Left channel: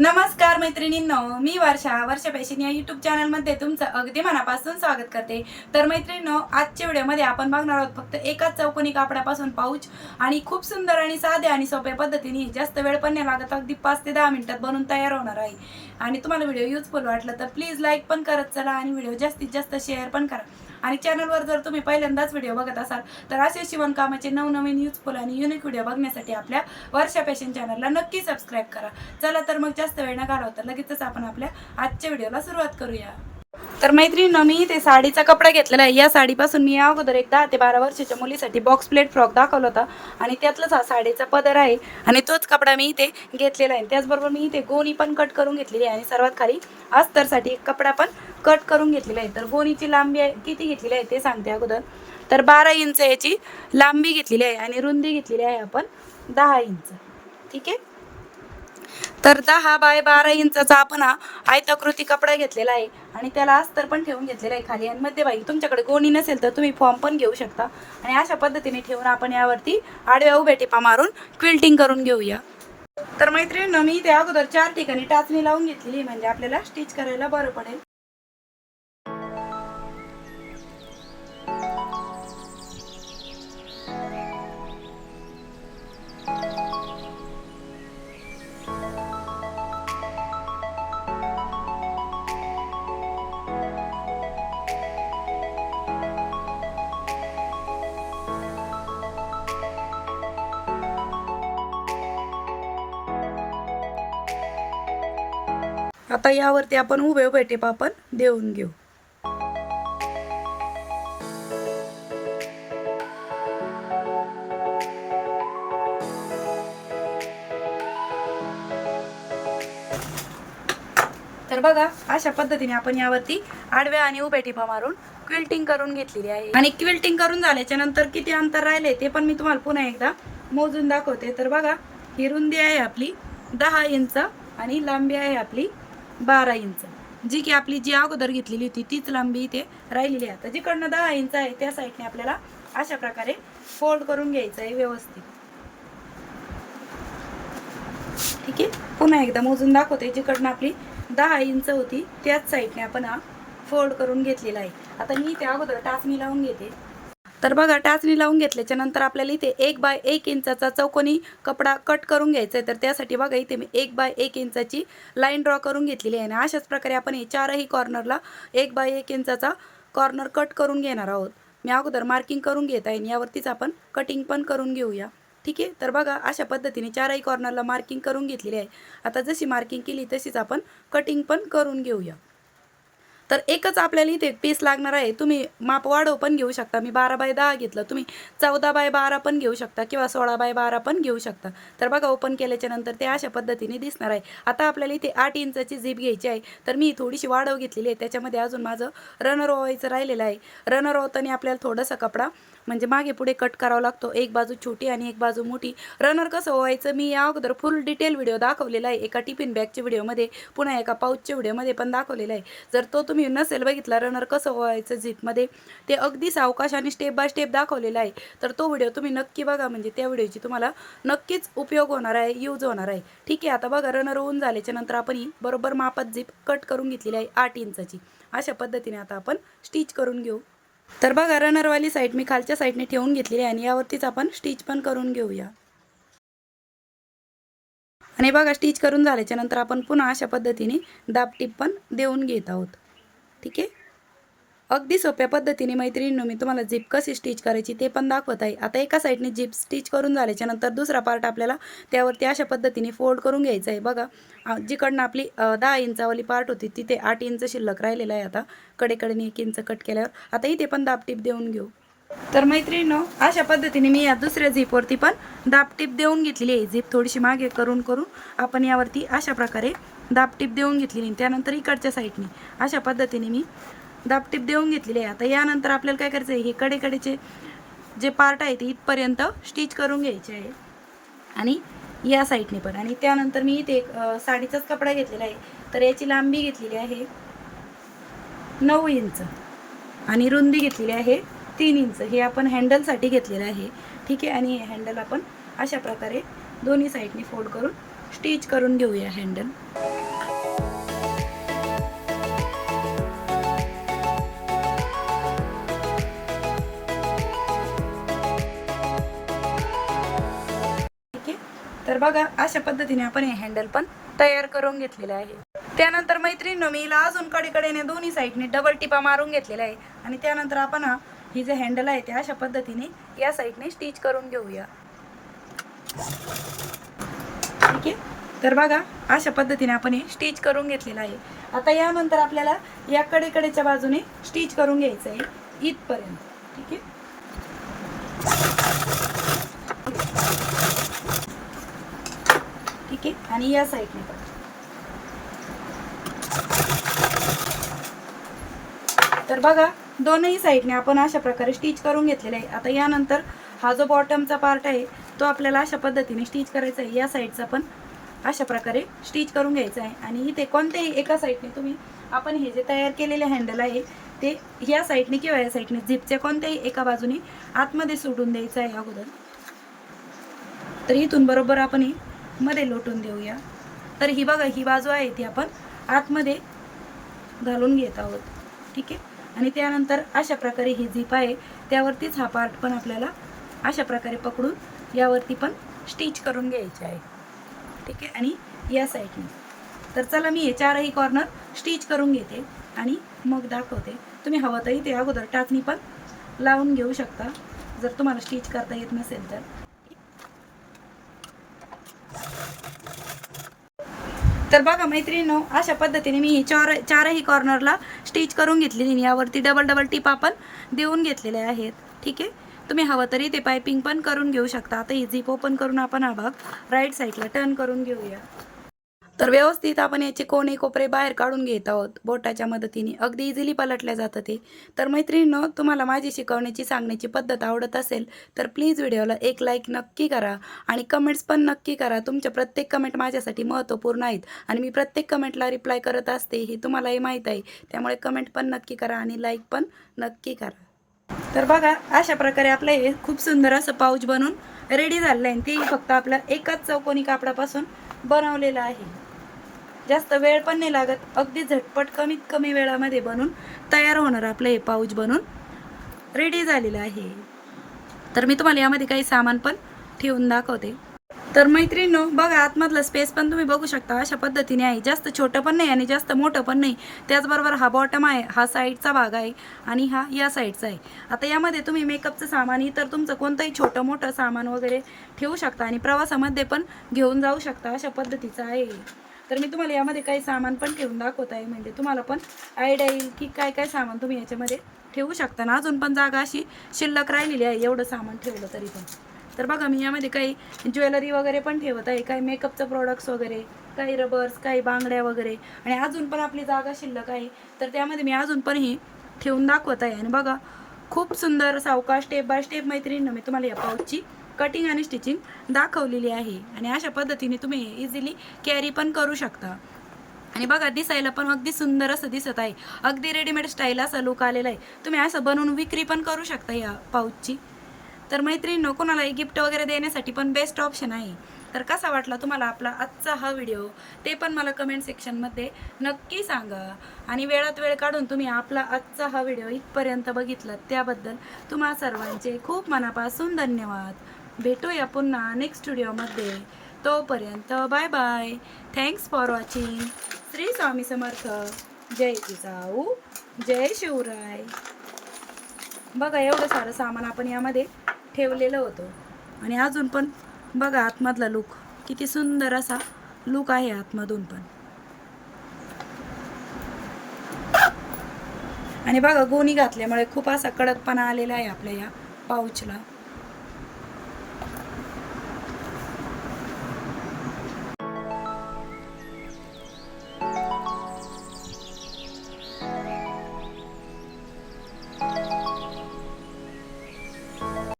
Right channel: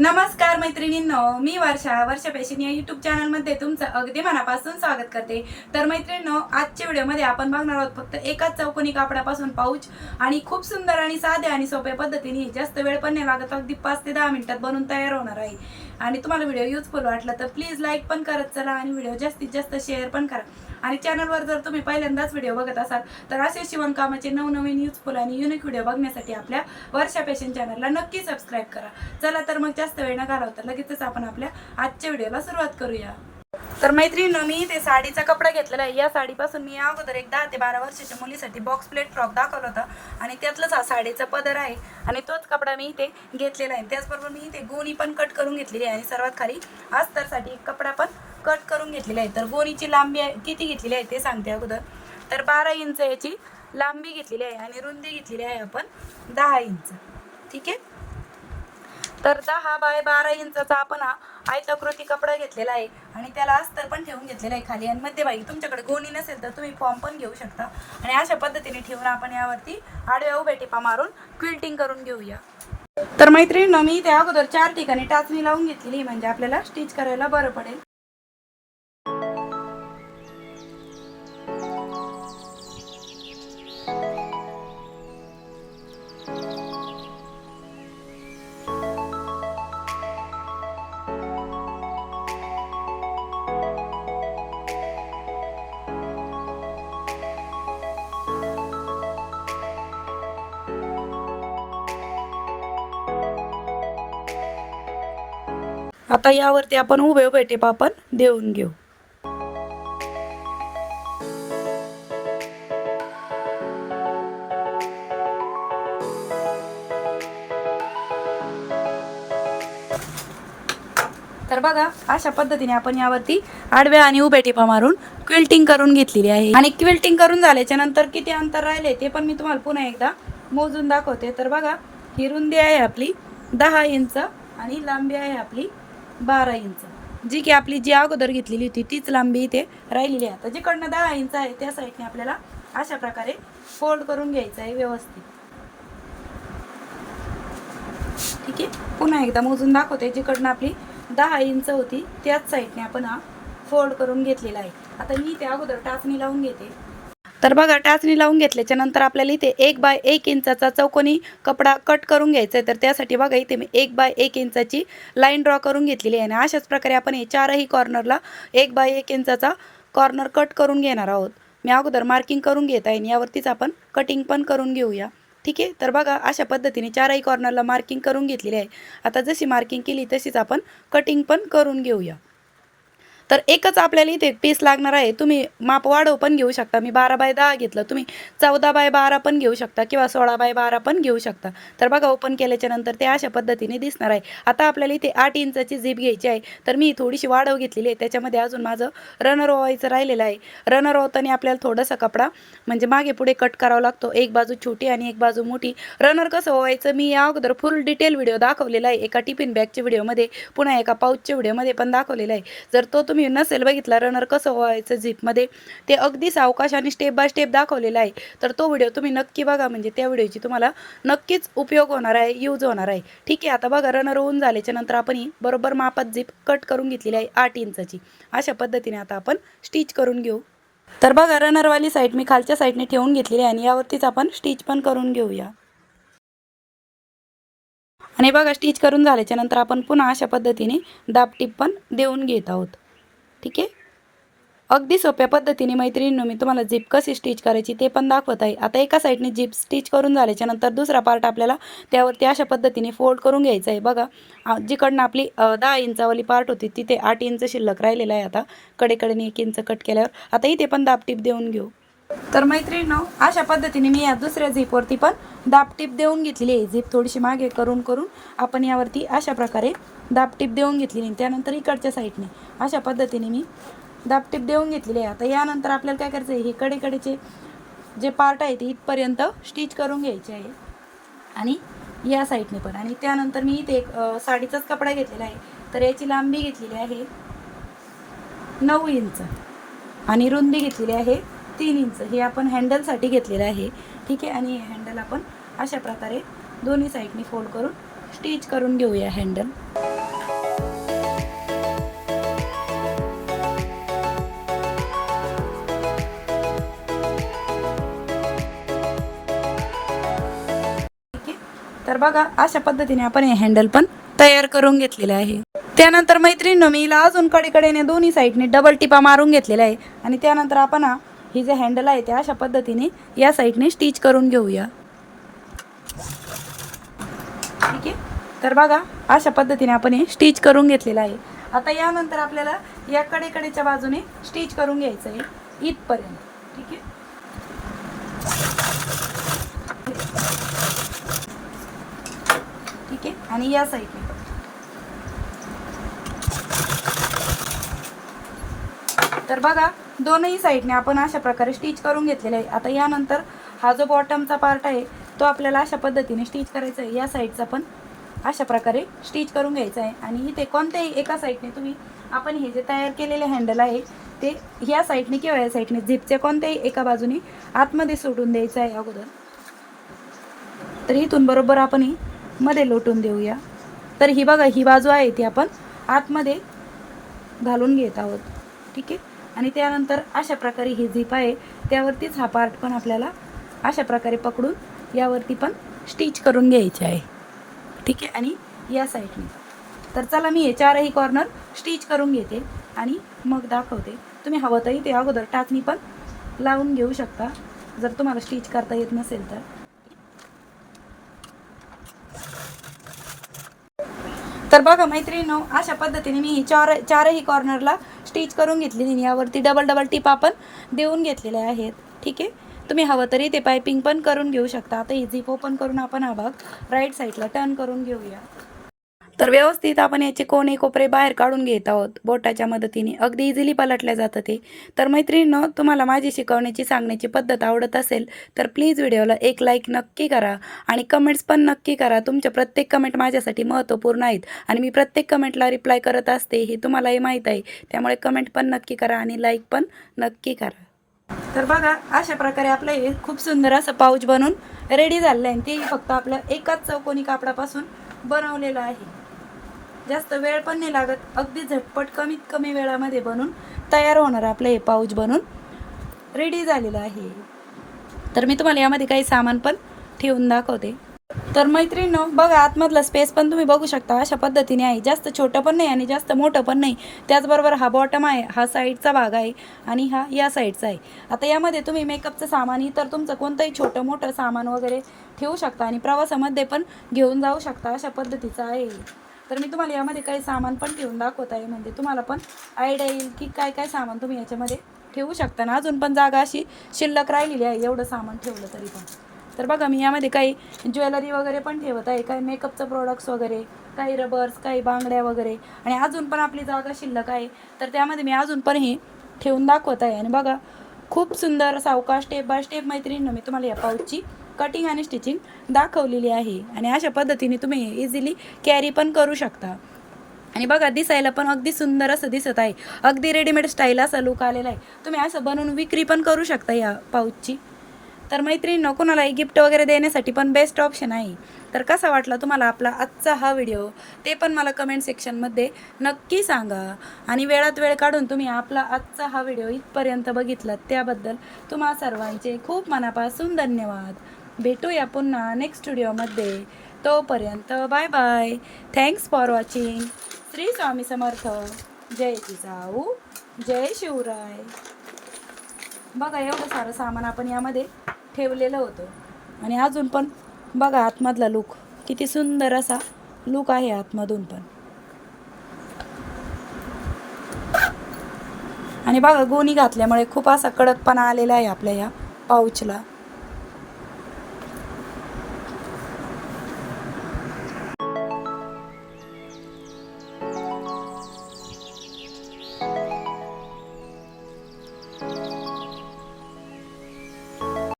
नमस्कार मैत्रिणींनो मी वर्षा वर्षा फॅशन या यूट्यूब चॅनलमध्ये तुमचं अगदी मनापासून स्वागत करते. तर मैत्रिणींनो आजच्या व्हिडिओमध्ये आपण बघणार आहोत फक्त एकाच चौकोनी कापडापासून पाऊच आणि खूप सुंदर आणि साध्या आणि सोप्या पद्धतीने जास्त वेळ पण नाही लागत अगदी पाच ते दहा मिनिटात बनवून तयार होणार आहे. आणि तुम्हाला व्हिडिओ युजफुल वाटला तर प्लीज लाईक पण करत चला आणि व्हिडिओ जास्तीत जास्त शेअर पण करा. आणि चॅनलवर जर तुम्ही पहिल्यांदाच व्हिडिओ बघत असाल तर असे शिवणकामाचे नवनवीन युजफुल आणि युनिक व्हिडिओ बघण्यासाठी आपल्या वर्षा फॅशन चॅनलला नक्की सबस्क्राईब करा. चला तर मग जास्त जास्त वेळ न घालवता लगेचच आपण आपल्या आजच्या व्हिडिओला सुरुवात करूया. तर मैत्रिणीनं मी ते साडीचा कपडा घेतलेला आहे. या साडीपासून मी या अगोदर एक दहा ते बारा वर्षाच्या मुलीसाठी बॉक्स प्लेट फ्रॉक दाखवला होता आणि त्यातलाच हा साडीचा पदर आहे आणि तोच कपडा मी इथे घेतलेला आहे. त्याचबरोबर मी इथे गोणी पण कट करून घेतलेली आहे आणि सर्वात खाली अस्तरसाठी कपडा पण कट करून घेतलेला आहे. तर गोणीची लांबी आहे- किती घेतलेली आहे ते सांगते अगोदर. तर बारा इंच याची लांबी घेतलेली आहे आणि रुंदी घेतलेली आहे आपण दहा इंच. ठीक आहे? तर दहा बाय बारा इंचाचा आपण हा आयताकृती कपडा घेतलेला आहे. आणि त्याला अस्तर पण ठेवून घेतलेला आहे खाली. आणि मध्यभागी तुमच्याकडे गोणी नसेल तर तुम्ही फॉर्म पण घेऊ शकता. आणि अशा पद्धतीने ठेवून आपण यावरती आडव्या उभ्या टिपा मारून क्विल्टिंग करून घेऊया. तर मैत्रिणी मी त्या अगोदर चार ठिकाणी टाचणी लावून घेतलेली म्हणजे आपल्याला स्टिच करायला बरं पडेल. आता यावरती आपण उभे उभे टेप आपण देऊन घेऊ. तर बघा अशा पद्धतीने आपण यावरती आडव्या आणि उभ्या टिपा मारून क्विल्टिंग करून घेतलेली आहे. आणि क्विल्टिंग करून झाल्याच्यानंतर किती अंतर राहिले ते पण मी तुम्हाला पुन्हा एकदा मोजून दाखवते. तर बघा ही रुंदी आहे आपली दहा इंच आणि लांबी आहे आपली बारा इंच. जी की आपली जी अगोदर घेतलेली होती तीच लांबी इथे राहिलेली आहे. आता जिकडनं दहा इंच आहे त्या साईडने आपल्याला अशा प्रकारे फोल्ड करून घ्यायचं आहे व्यवस्थित. ठीक आहे? पुन्हा एकदा मोजून दाखवते. जिकडनं आपली दहा इंच होती त्याच साईडने आपण हा फोल्ड करून घेतलेला आहे. आता मी इथे अगोदर टाचणी लावून घेते. तर बघा टाचणी लावून घेतल्याच्या नंतर आपल्याला इथे एक बाय एक इंचाचा चौकोनी कपडा कट करून घ्यायचा आहे. तर त्यासाठी बघा इथे मी एक बाय एक इंचाची लाईन ड्रॉ करून घेतलेली आहे. आणि अशाच प्रकारे आपण हे चारही कॉर्नरला एक बाय एक इंचाचा कॉर्नर कट करून घेणार आहोत. मी अगोदर मार्किंग करून घेत आहे आणि यावरतीच आपण कटिंग पण करून घेऊया. ठीक आहे? तर बघा अशा पद्धतीने चारही कॉर्नरला मार्किंग करून घेतलेली आहे. आता जशी मार्किंग केली तशीच आपण कटिंग पण करून घेऊया. तर एकच आपल्याला इथे पीस लागणार आहे. तुम्ही माप वाढव पण घेऊ शकता. मी बारा बाय दहा घेतलं. तुम्ही चौदा बाय बारा पण घेऊ शकता किंवा सोळा बाय बारा पण घेऊ शकता. तर बघा ओपन केल्याच्यानंतर ते अशा पद्धतीने दिसणार आहे. आता आपल्याला इथे आठ इंचाची झीप घ्यायची आहे. तर मी थोडीशी वाढव घेतलेली आहे. त्याच्यामध्ये अजून माझं रनर ओवायचं राहिलेलं आहे. रनर ओवताना आपल्याला थोडासा कपडा म्हणजे मागे पुढे कट करावा लागतो. एक बाजू छोटी आणि एक बाजू मोठी. रनर कसं ओवायचं मी या अगोदर फुल डिटेल व्हिडिओ दाखवलेला आहे. एका टिफिन बॅगच्या व्हिडिओमध्ये पुन्हा एका पाऊचच्या व्हिडिओमध्ये पण दाखवलेला आहे. जर तो तुम्ही तुम्ही नसेल बघितला रनर कसं व्हायचं झिपमध्ये ते अगदी सावकाश आणि स्टेप बाय स्टेप दाखवलेला आहे. तर तो व्हिडिओ तुम्ही नक्की बघा. म्हणजे त्या व्हिडिओची तुम्हाला नक्कीच उपयोग होणार आहे यूज होणार आहे. ठीक आहे आता बघा रनर होऊन झाल्याच्यानंतर आपण ही बरोबर मापात झिप कट करून घेतलेली आहे आठ इंचाची. अशा पद्धतीने आता आपण स्टिच करून घेऊ. तर बघा रनरवाली साईड मी खालच्या साईडने ठेवून घेतलेली आहे आणि यावरतीच आपण स्टिच पण करून घेऊया. आणि बघा स्टिच करून झाल्याच्यानंतर आपण पुन्हा अशा पद्धतीने दाबटीप पण देऊन घेत आहोत. ठीक आहे? अगदी सोप्या पद्धतीने मैत्रिणींनो मी तुम्हाला झिप कशी स्टिच करायची ते पण दाखवत आहे. आता एका साईडने झिप स्टिच करून झाल्याच्यानंतर दुसरा पार्ट आपल्याला त्यावरती अशा पद्धतीने फोल्ड करून घ्यायचा आहे. बघा जिकडनं आपली दहा इंचावाली पार्ट होती तिथे आठ इंच शिल्लक राहिलेलं आहे आता. कडेकडेने एक इंच कट केल्यावर. आता इथे पण दाबटीप देऊन घेऊ. तर मैत्रिणीनो अशा पद्धतीने मी या दुसऱ्या झिपवरती पण दाबटीप देऊन घेतलेली आहे. झिप थोडीशी मागे करून करून आपण यावरती अशा प्रकारे दाबटीप देऊन घेतलेली त्यानंतर इकडच्या साईडने. अशा पद्धतीने मी दाबटीप देऊन घेतलेली आहे. आता यानंतर आपल्याला काय करायचं आहे हे कडेकडेचे जे पार्ट आहे ते इथपर्यंत स्टिच करून घ्यायचे आहे. आणि या साईडने पण. आणि त्यानंतर मी इथे एक साडीचाच कपडा घेतलेला आहे. तर याची लांबी घेतलेली आहे नऊ इंच. आणि रुंदी घेतलेली आहे तीन इंच. हे आपण हँडलसाठी घेतलेलं आहे. ठीक आहे? आणि हे हँडल आपण अशा प्रकारे दोन्ही साईडने फोल्ड करून स्टिच करून घेऊया हँडल तर बघा अशा पद्धतीने आपण हे हँडल पण तयार करून घेतलेलं आहे. त्यानंतर मैत्रिणीनं मी हिला अजून कडेकडेने दोन्ही साईडने डबल टिपा मारून घेतलेला आहे. आणि त्यानंतर आपण ही जे हँडल आहे ते अशा पद्धतीने या साईडने स्टिच करून घेऊया. ठीक आहे? तर बघा अशा पद्धतीने आपण हे स्टिच करून घेतलेलं आहे. आता यानंतर आपल्याला या कडेकडेच्या बाजूने स्टिच करून घ्यायचं आहे इथपर्यंत. ठीक आहे? ओके? आणि या साईडने. तर बघा दोनही साईडने आपण अशा प्रकारे स्टिच करून घेतलेलं आहे. आता यानंतर हा जो बॉटमचा पार्ट आहे तो आपल्याला अशा पद्धतीने स्टिच करायचा आहे. या साईडचा पण अशा प्रकारे स्टिच करून घ्यायचं आहे. आणि इथे कोणत्याही एका साईडने तुम्ही आपण हे जे तयार केलेले हँडल आहे ते ह्या साईडने किंवा या साईडने झिपच्या कोणत्याही एका बाजूने आतमध्ये सोडून द्यायचं आहे अगोदर. तर इथून बरोबर आपण मध्ये लोटून देऊया. तर ही बघा ही बाजू आहे ती आपण आतमध्ये घालून घेत आहोत. ठीक आहे? आणि त्यानंतर अशा प्रकारे ही झीप आहे त्यावरतीच हा पार्ट पण आपल्याला अशा प्रकारे पकडून यावरती पण स्टिच करून घ्यायचे आहे. ठीक आहे? आणि या साईडने तर चला मी हे चारही कॉर्नर स्टिच करून घेते आणि मग दाखवते. तुम्ही हवं तरी ते अगोदर टाचणी पण लावून घेऊ शकता. जर तुम्हाला स्टिच करता येत नसेल तर. तर बघा मैत्रिणीनो अशा पद्धतीने मी ही चार चारही कॉर्नरला स्टिच करून घेतलेली यावरती डबल डबल टिप आपण देऊन घेतलेल्या आहेत. ठीक आहे? तुम्ही हवं तरी ते पायपिंग पण करून घेऊ शकता. आता ही ओपन करून आपण हा भाग राईट साईडला टर्न करून घेऊया. तर व्यवस्थित आपण याचे कोणे कोपरे बाहेर काढून घेत आहोत. बोटाच्या मदतीने. अगदी इझिली पलटल्या जातं ते तर मैत्रिणीनं तुम्हाला माझी शिकवण्याची सांगण्याची पद्धत आवडत असेल तर प्लीज व्हिडिओला एक लाईक नक्की करा आणि कमेंट्स पण नक्की करा. तुमच्या प्रत्येक कमेंट माझ्यासाठी महत्त्वपूर्ण आहेत आणि मी प्रत्येक कमेंटला रिप्लाय करत असते हे तुम्हालाही माहीत आहे. त्यामुळे कमेंट पण नक्की करा आणि लाईक पण नक्की करा. तर बघा अशा प्रकारे आपलं हे खूप सुंदर असं पाऊच बनून रेडी झालेलं आहे आणि ते फक्त आपलं एकाच चौकोनी कापडापासून बनवलेलं आहे. जास्त वेळ पण नाही लागत. अगदी झटपट कमीत कमी वेळामध्ये बनून तयार होणार आपलं हे पाऊच बनून. रेडी झालेलं आहे. तर मी तुम्हाला यामध्ये काही सामान पण ठेवून दाखवते. तर मैत्रिणीनो बघा आतमधला स्पेस पण तुम्ही बघू शकता. अशा पद्धतीने आहे. जास्त छोटं पण नाही आणि जास्त मोठं पण नाही. त्याचबरोबर हा बॉटम आहे. हा साईडचा भाग आहे आणि हा या साईडचा आहे. आता यामध्ये तुम्ही मेकअपचं सामान इतर तुमचं कोणतंही छोटं मोठं सामान वगैरे ठेवू शकता आणि प्रवासामध्ये पण घेऊन जाऊ शकता. अशा पद्धतीचं आहे. तर मी तुम्हाला यामध्ये काही सामान पण ठेवून दाखवत आहे. म्हणजे तुम्हाला पण आयडिया येईल की काय काय सामान तुम्ही याच्यामध्ये ठेवू शकता. ना अजून पण जागा अशी शिल्लक राहिलेली आहे. एवढं सामान ठेवलं तरी पण. तर बघा मी यामध्ये काही ज्वेलरी वगैरे पण ठेवत आहे. काही मेकअपचं प्रोडक्ट्स वगैरे काही रबर्स काही बांगड्या वगैरे. आणि अजून पण आपली जागा शिल्लक आहे. तर त्यामध्ये मी अजून पण हे ठेवून दाखवत आहे. आणि बघा खूप सुंदर सावकाश स्टेप बाय स्टेप मैत्रिणीनं मी तुम्हाला या पाऊचची कटिंग आणि स्टिचिंग दाखवलेली आहे. आणि अशा पद्धतीने तुम्ही इझिली कॅरी पण करू शकता. आणि बघा दिसायला पण अगदी सुंदर असं दिसत आहे. अगदी रेडीमेड स्टाईल असा लुक आलेला आहे. तुम्ही असं बनवून विक्री पण करू शकता या पाऊचची तर मैत्रिणींनो कोणालाही गिफ्ट वगैरे देण्यासाठी पण बेस्ट ऑप्शन आहे. तर कसा वाटला तुम्हाला आपला आजचा हा व्हिडिओ ते पण मला कमेंट सेक्शनमध्ये नक्की सांगा. आणि वेळात वेळ काढून तुम्ही आपला आजचा हा व्हिडिओ इथपर्यंत बघितला त्याबद्दल तुम्हा सर्वांचे खूप मनापासून धन्यवाद. भेटूया पुन्हा नेक्स्ट व्हिडिओमध्ये तोपर्यंत bye bye thanks for watching Shri Swami Samarth. जय जिजाऊ. जय शिवराय. बघा एवढं सारं सामान आपण यामध्ये ठेवलेलं होतं. आणि अजून पण बघा आतमधला लुक किती सुंदर असा लुक आहे आतमधून पण. आणि बघा गोणी घातल्यामुळे खूप असा कडकपणा आलेला आहे आपल्या या पाऊचला